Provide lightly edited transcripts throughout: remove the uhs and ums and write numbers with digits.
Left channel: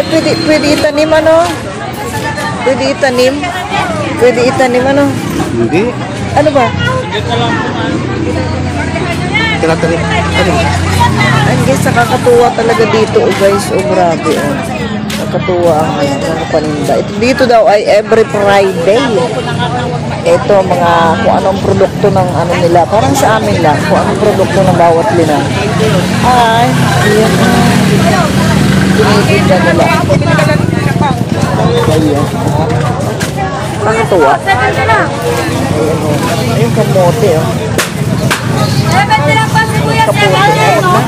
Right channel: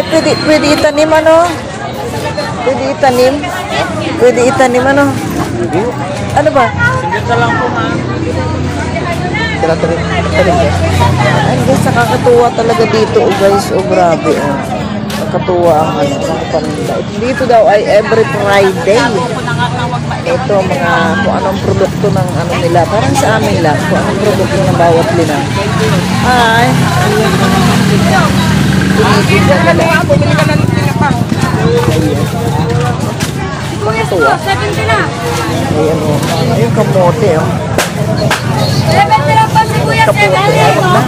Ay, pwede itanim ano? Pwede itanim? Pwede itanim ano? Hindi. Ano ba? Dito lang po, ma'am. Tanim. Ay, guys, nakakatuwa talaga dito, oh, guys. Oh, grabe, oh. Nakakatuwa ang mga paninda. Dito daw ay every Friday. Ito, mga kung anong produkto ng ano nila. Parang sa amin lang, kung anong produkto ng bawat linang. Ay, ayan. Tinitinda nila. Ayan. Nakakatuwa. Ayan, oh. Ayun, kamote, oh. Kamote, eh, wag na.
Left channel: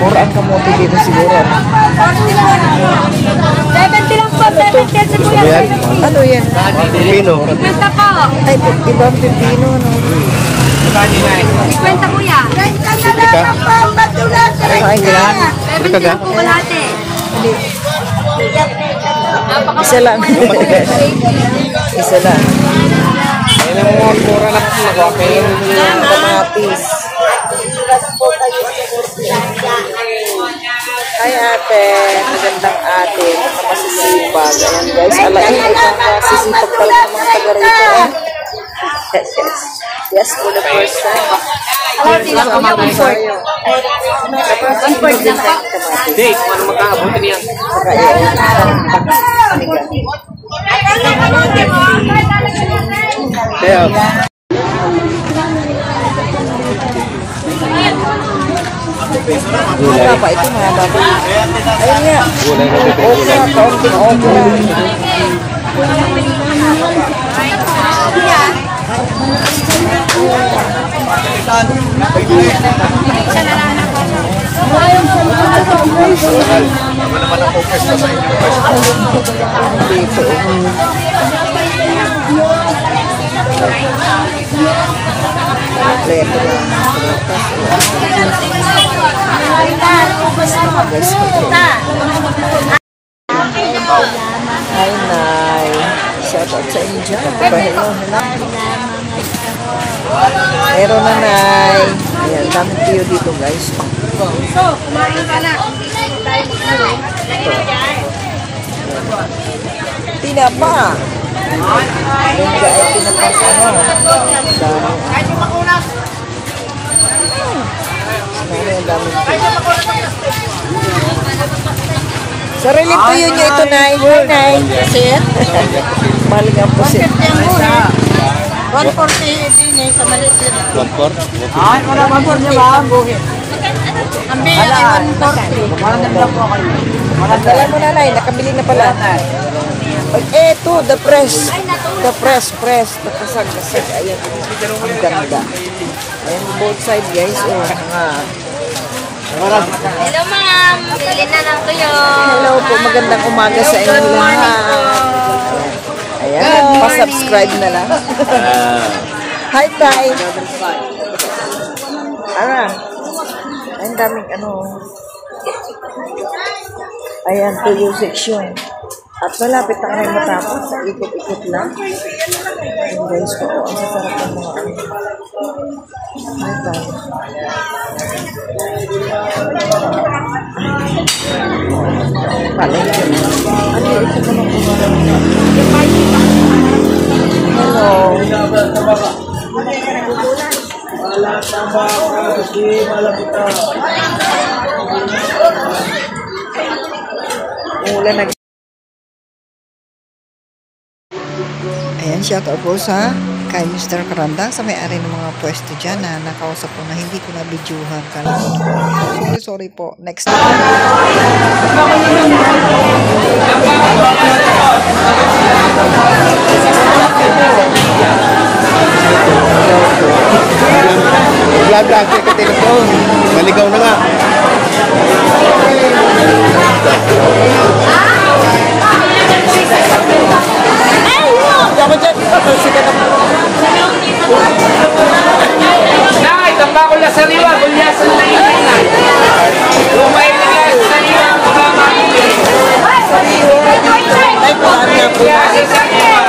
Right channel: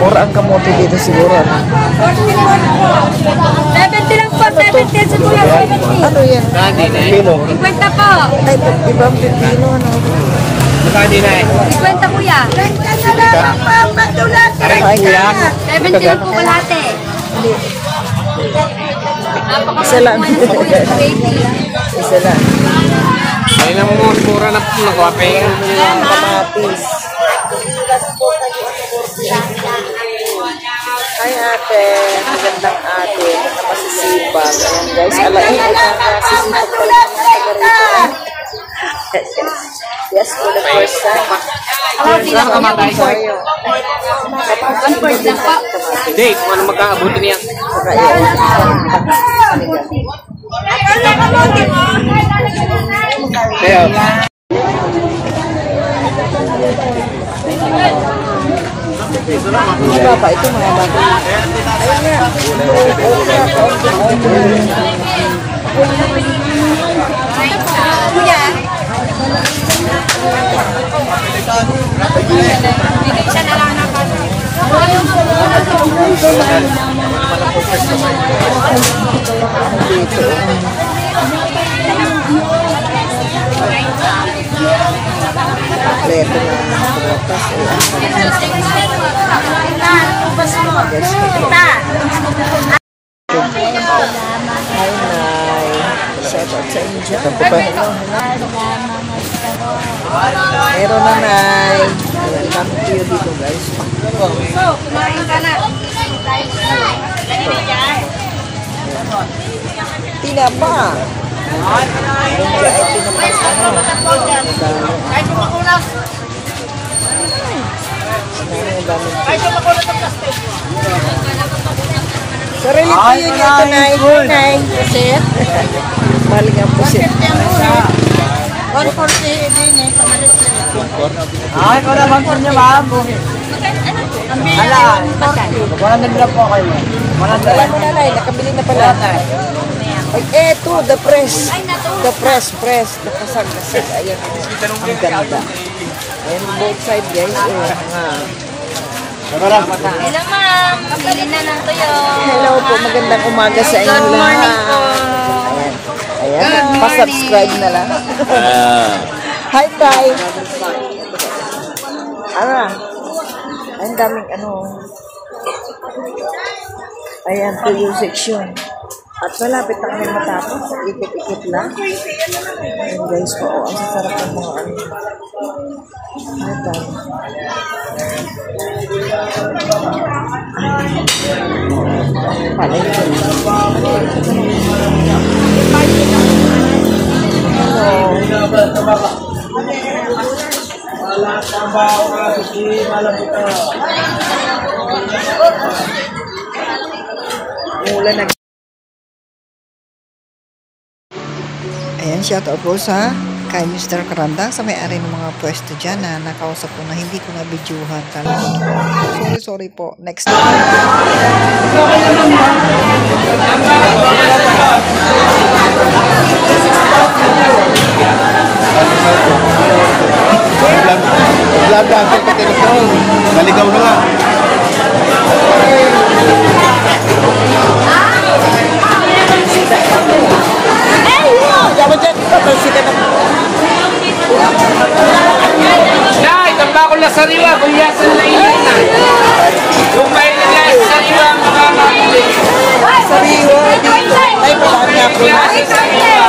Mura ang kamote dito siguro, ano? 70 lang po, 70 sa kuya. Ano yan? Pino. 50 po. Ay, iba ang pipino, ano? 50 kuya. Ay, ganyan. 70 lang po kalate. Hindi. Isa lang. Isa lang. Ayun ang mura na po. Kamatis. Hi ate, magandang ate, na masisipag. Ayan guys, alain ay nakasisipag pala ng mga taga rito. Yes, yes. Yes, for the first time. Kamatis tayo. Kamatis po din sa kamatis. Date, ano magkakabuti niya? Saka yun, panigan. Kaya, Mahaba pa, ito mahaba pa. Ayun nga. Okay na, kaunting-kaunting. Dito. Kompleto na pumutas. Hi, Nay. Shout out sa inyo dyan. Hello. Meron na, Nay. Ayan, dami tiyo dito, guys. So, kumain ka na. Ito. Tinapa. Yung mga ay tinapas, ano. Dami. Ang daming sarili po yun ito, Nay. Nay. Pusit. Mahal nga pusit. 140 din eh. Ay, wala bang po niya, ma'am? Ang bilang 140. Maghanap lang po kayo. Dala mo na, Nay. Nakabili na pala. Ay, eto, the press. The press. Nakasag. Ayan, ang ganda. Ayan, both side, guys. Oh, nga. Hello ma'am, pili na lang kayo. Hello po, magandang umaga sa inyong lahat. Ayan, pa-subscribe na lang. Hi, Tay. Ano? Ang daming ano. Ayan, tuyo section. At malapit na kami matapos. Ikot-ikot lang. Ayan guys po, ang sarap ng mga ano. Hi, Tay. Palengke na. Ulan na. Ayan, shout out po sa kay Mr. Karandang sa may-ari ng mga pwesto dyan na nakausap ko na hindi ko na videohan. Kala ko na po. Sorry po. Next time. vlog ang katinog ko. Naligaw na nga. Yaman dyan. Sikat na. Nay, tambakol na sariwa. Bulyasan na inan. Lumay na yan. Sariwa ang makakakili. Sariwa. Ay, palaan nga po. Sariwa.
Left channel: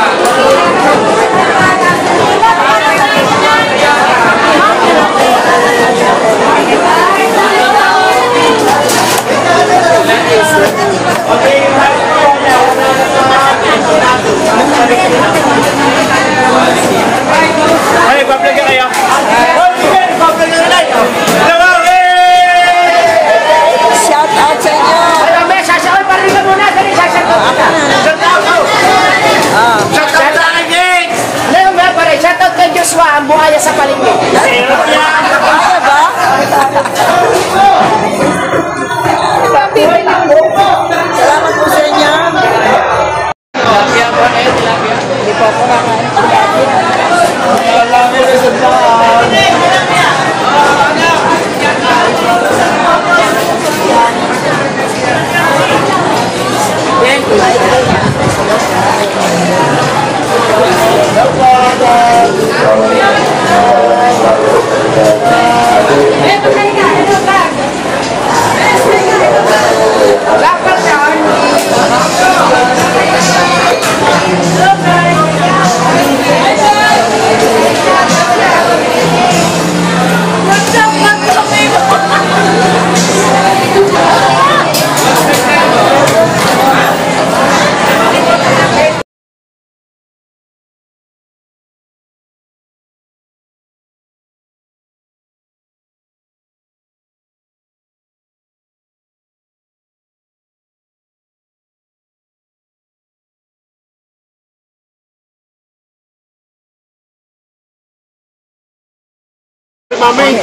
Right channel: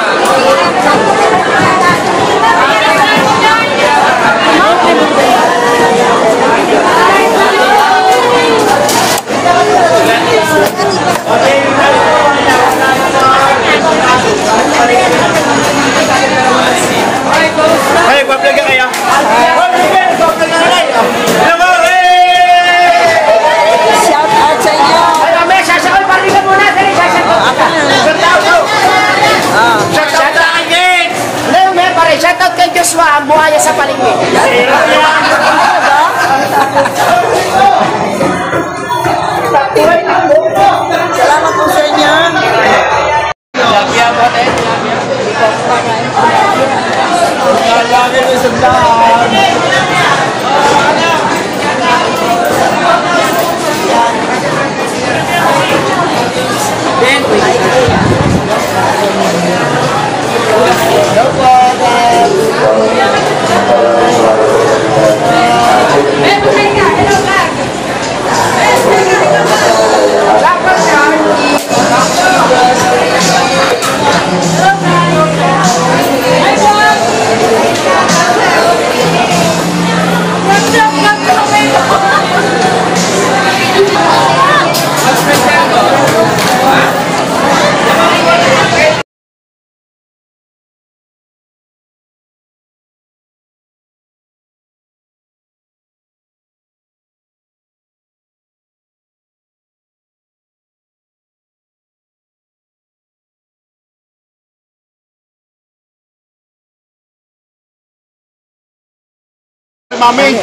Mami,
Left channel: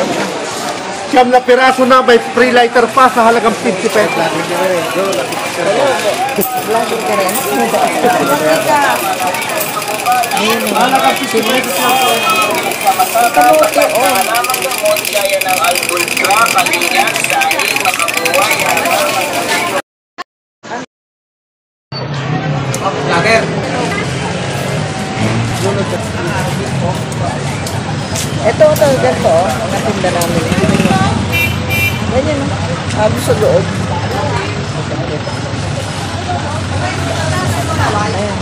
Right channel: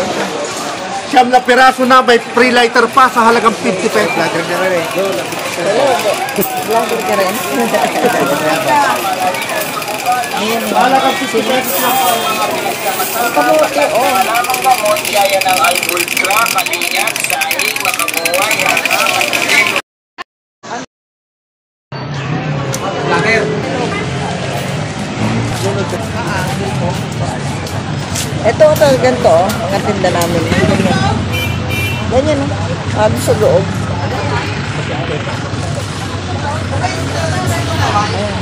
siyam na piraso na, may free lighter pa sa halagang 50 pesos. Vlogger ka rin. Ayun o. Kamote o. Lager. Ito, ganito o. Mga tinda namin. Ganyan o. Ano sa loob. Ayan.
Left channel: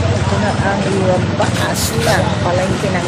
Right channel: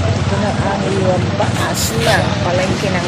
Ito na ang iwang baas ng palengke ng